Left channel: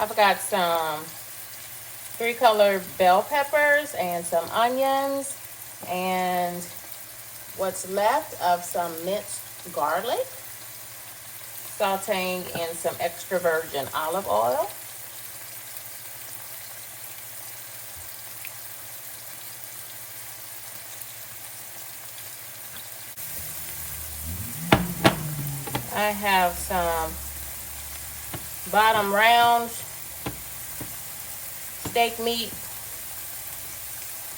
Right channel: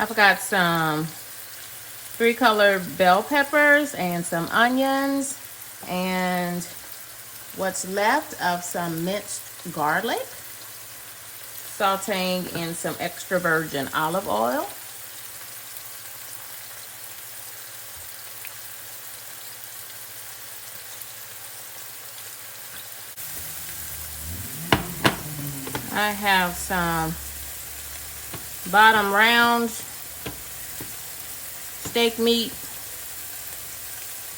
I've got some 3-color bell peppers and some onions and what's left of some minced garlic, sauteing in some extra virgin olive oil. I have some bottom round steak meat.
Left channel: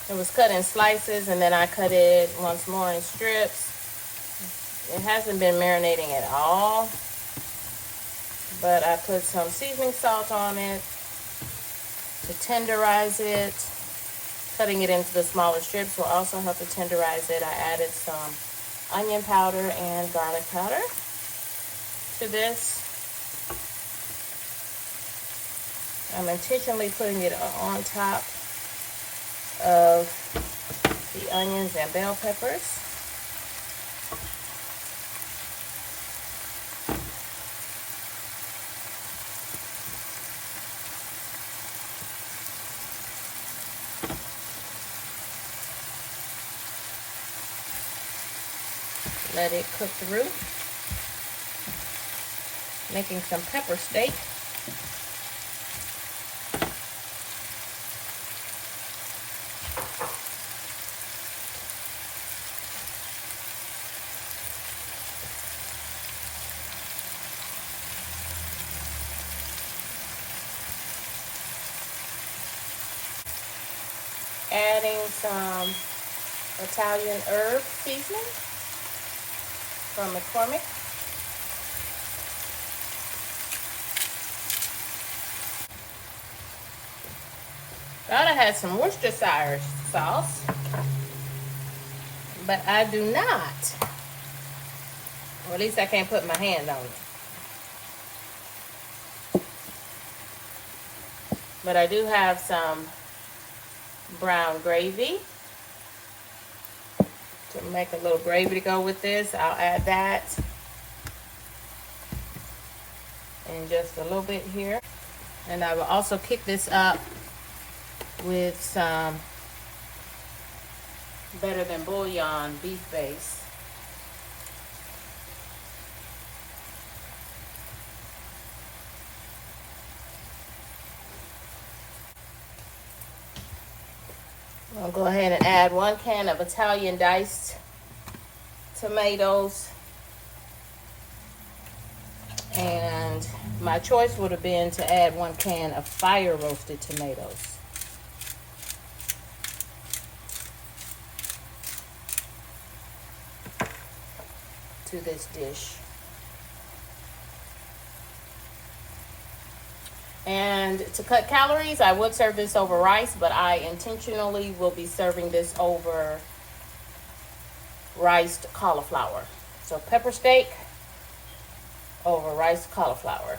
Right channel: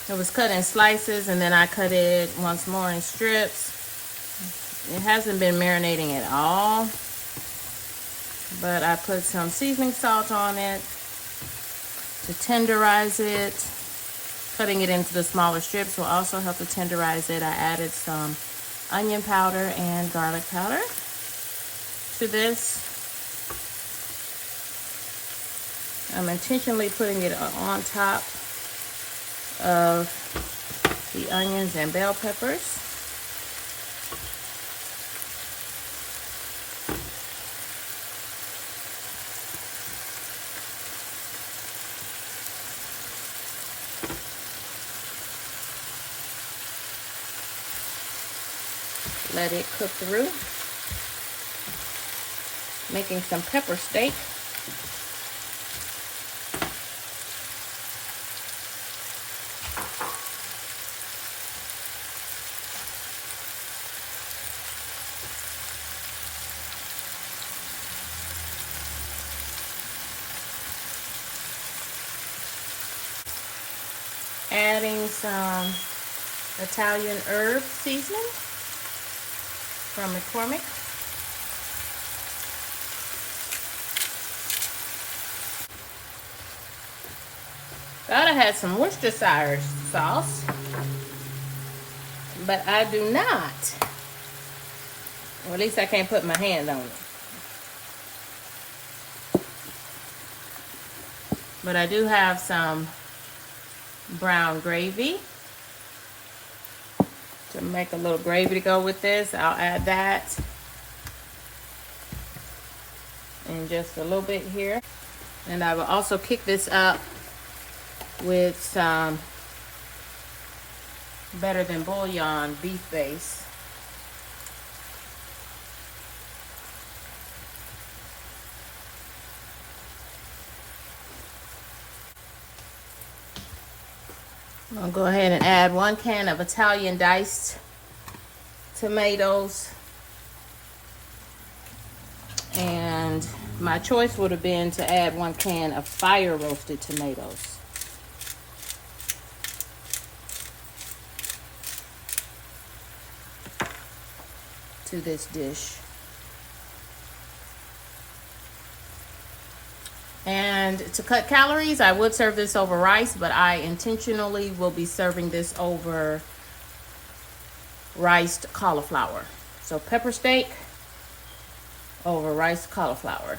It was cut in slices and then I cut it once more in strips. It hasn't been marinating at all, but I put some seasoning salt on it to tenderize it. Cutting it into the smaller strips will also help to tenderize it. I added some onion powder and garlic powder to this. I'm intentionally putting it on top of the onions and bell peppers. Let it cook through. Making some pepper steak. Adding some Italian herb seasoning from McCormick. Thought I had some Worcestershire sauce, but I do not. Or at least I can't put my hand on it. But I do have some brown gravy. To make a little gravy to go with this, I'll add that in just a little bit here. And I will also kick this up with some Better Than Bouillon beef base. I'll go ahead and add 1 can of Italian diced tomatoes. And my choice would have been to add 1 can of fire roasted tomatoes. To this dish. And to cut calories, I would serve this over rice, but I intentionally will be serving this over riced cauliflower. So pepper steak over riced cauliflower.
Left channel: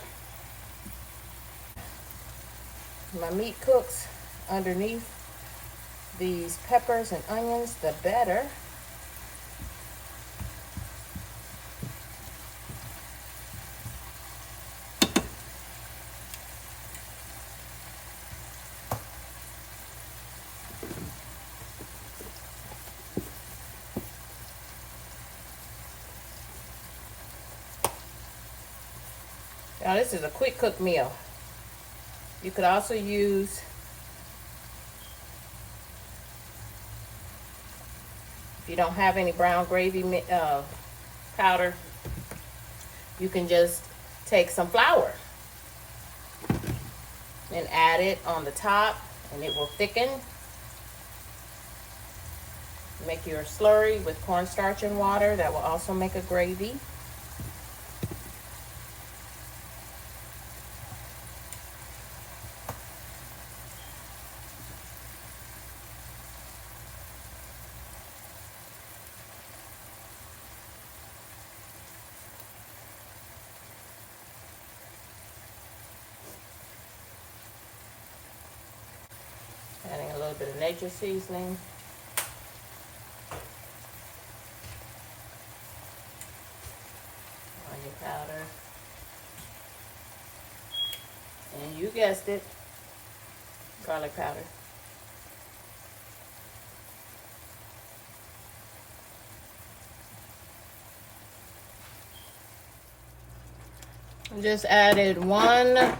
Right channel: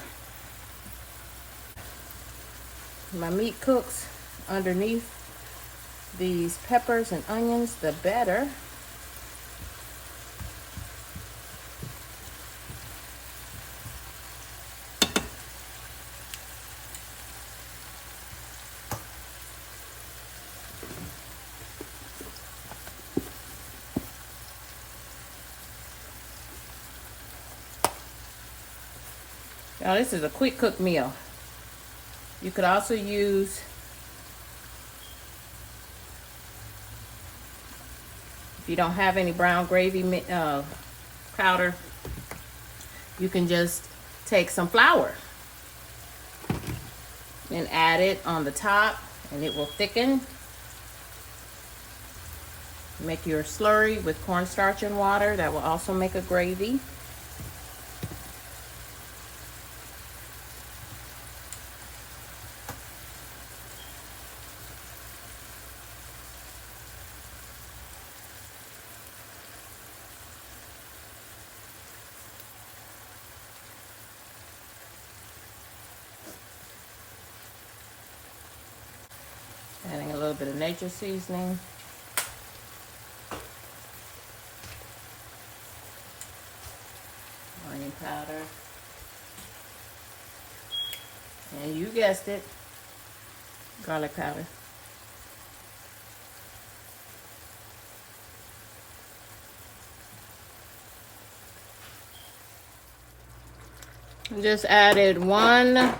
My meat cooks underneath these peppers and onions, the better. Now this is a quick cook meal. You could also use if you don't have any brown gravy powder, you can just take some flour and add it on the top and it will thicken. Make your slurry with cornstarch and water. That will also make a gravy. Adding a little bit of nature seasoning. Onion powder. And you guessed it, garlic powder. Just added 1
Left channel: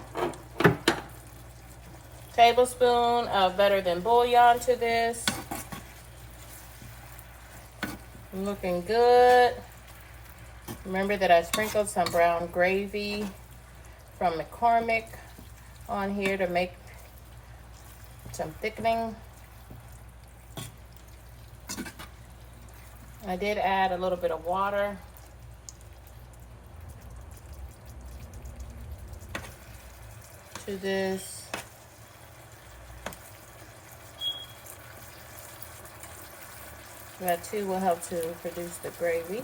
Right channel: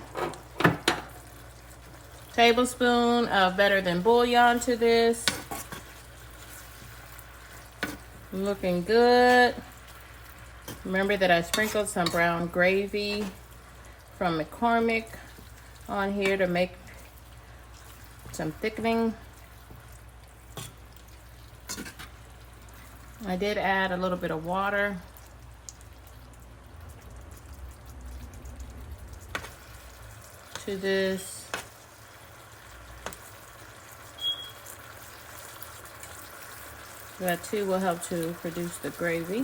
tablespoon of better than bouillon to this. Looking good. Remember that I sprinkled some brown gravy from McCormick on here to make some thickening. I did add a little bit of water. To this. That too will help to produce the gravy.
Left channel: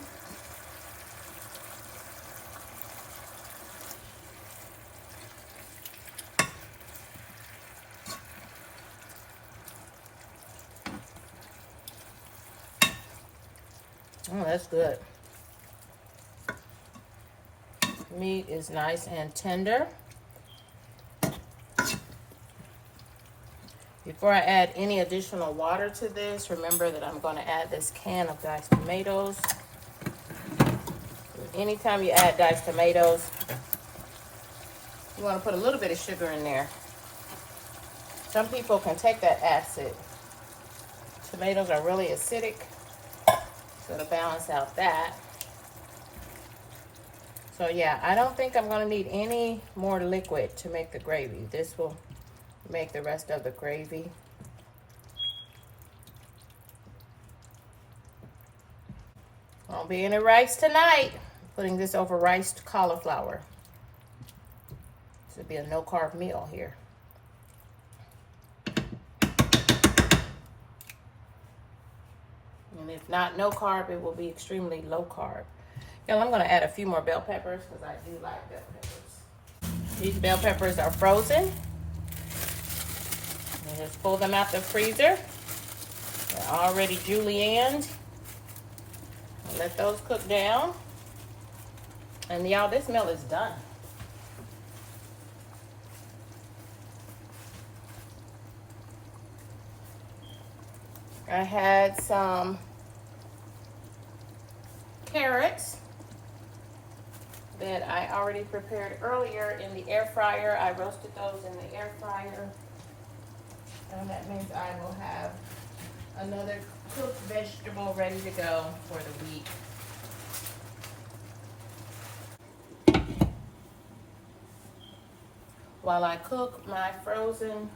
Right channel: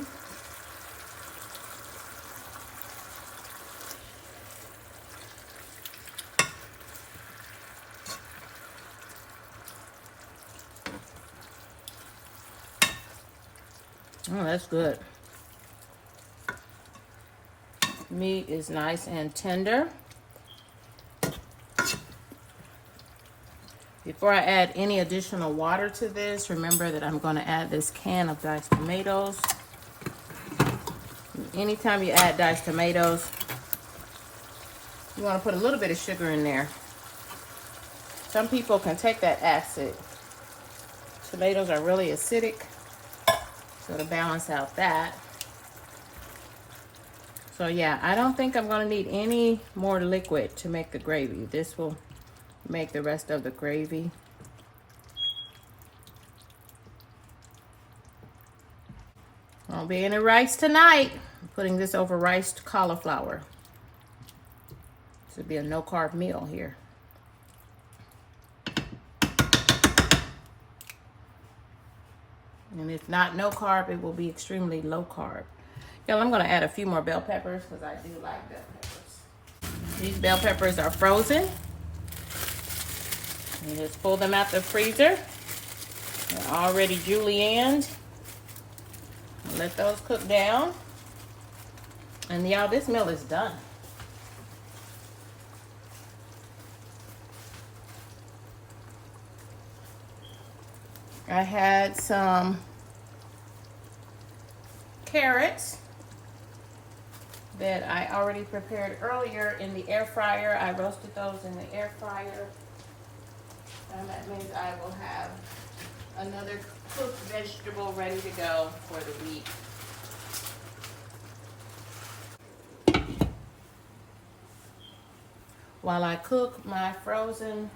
Oh, that's good. Meat is nice and tender. Before I add any additional water to this, remember that I'm going to add this can of diced tomatoes. Anytime you add diced tomatoes, you want to put a little bit of sugar in there. Some people can take that acid. Tomatoes are really acidic, so to balance out that. So yeah, I don't think I'm going to need any more liquid to make the gravy. This will make the rest of the gravy. I'll be in the rice tonight. I'm putting this over riced cauliflower. This will be a no carb meal here. And if not no carb, it will be extremely low carb. Y'all, I'm going to add a few more bell peppers because I do like bell peppers. These bell peppers are frozen. And just pull them out the freezer. They're already julienned. Let those cook down. And y'all, this meal is done. I had some carrots that I already prepared earlier in the air fryer. I roasted those in the air fryer. And that means I will have another cooked vegetable ready to go for the week. While I cook my frozen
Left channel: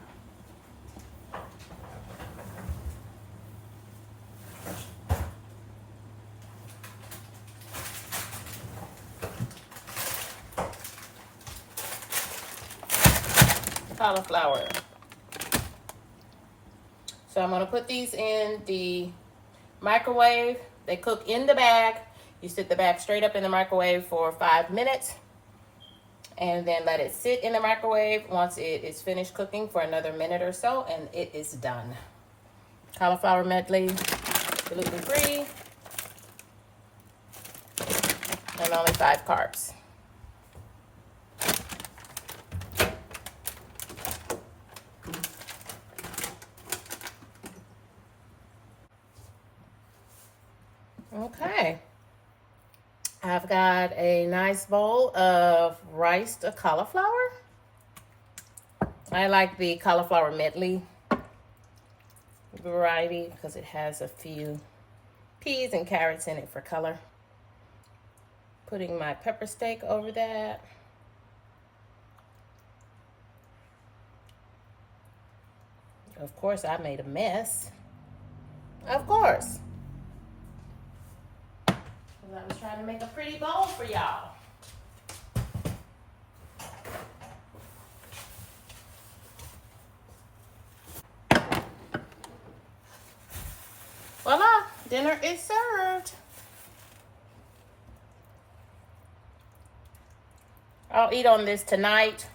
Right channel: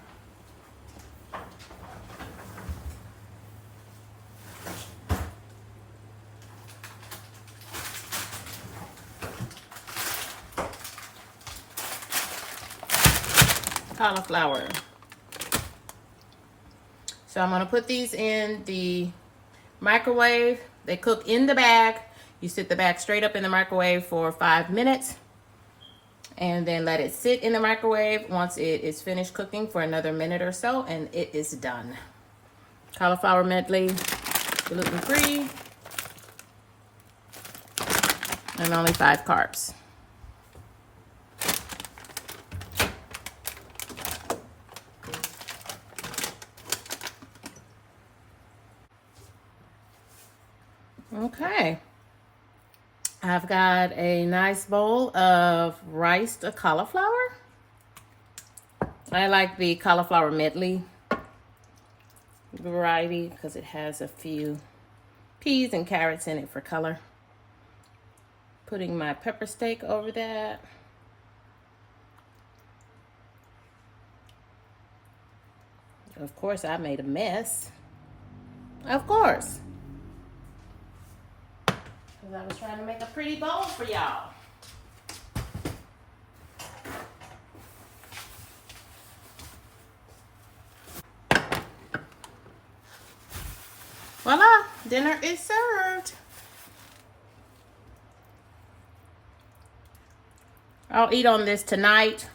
cauliflower. So I'm going to put these in the microwave. They cook in the bag. You sit the bag straight up in the microwave for 5 minutes and then let it sit in the microwave once it is finished cooking for another minute or so, and it is done. Cauliflower medley, gluten-free, and only 5 carbs. Okay, I've got a nice bowl of riced cauliflower. I like the cauliflower medley variety because it has a few peas and carrots in it for color. Putting my pepper steak over that. Of course, I made a mess. Of course. I was trying to make a pretty bowl for y'all. Voila, dinner is served. I'll eat on this tonight.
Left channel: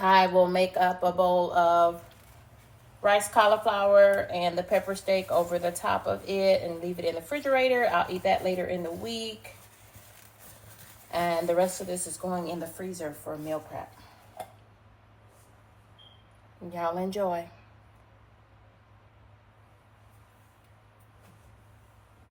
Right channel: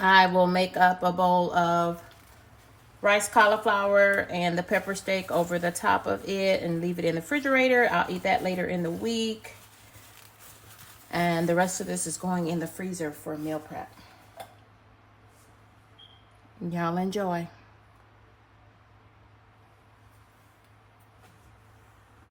I will make up a bowl of rice cauliflower and the pepper steak over the top of it and leave it in the refrigerator. I'll eat that later in the week. And the rest of this is going in the freezer for meal prep. Y'all enjoy.